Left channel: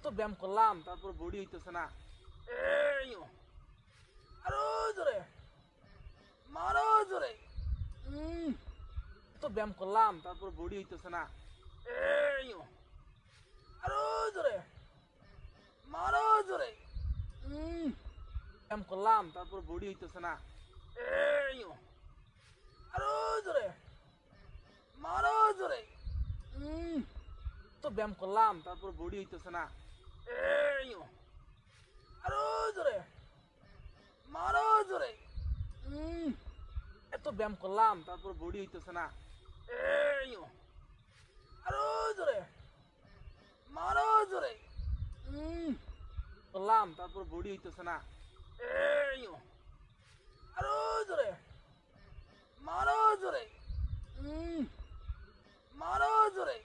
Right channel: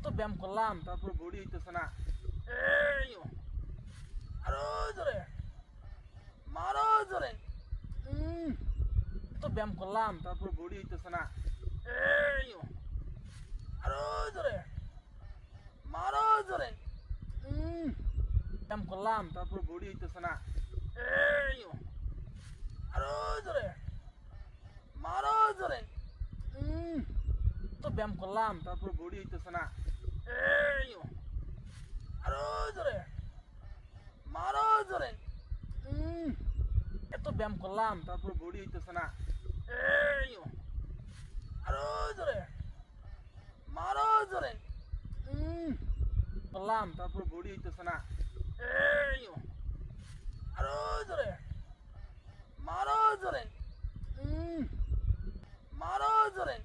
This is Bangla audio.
এত ব্যায়াম করলাম তারপর বডি হইতেছে না। এই আরো জোরে মারো জোরে। এত ব্যায়াম করলাম তারপর বডি হইতেছে না। এই আরো জোরে মারো জোরে। ব্যায়াম করলাম তারপর বডি হইতেছে না। এই আরো জোরে মারো জোরে। তো ব্যায়াম করলাম তারপর বডি হইতেছে না। এই আরো জোরে মারো জোরে। এত ব্যায়াম করলাম তারপর বডি হইতেছে না। এই আরো জোরে মারো জোরে। করলাম তারপর বডি হইতেছে না। এই আরো জোরে মারো জোরে। মারো জোরে।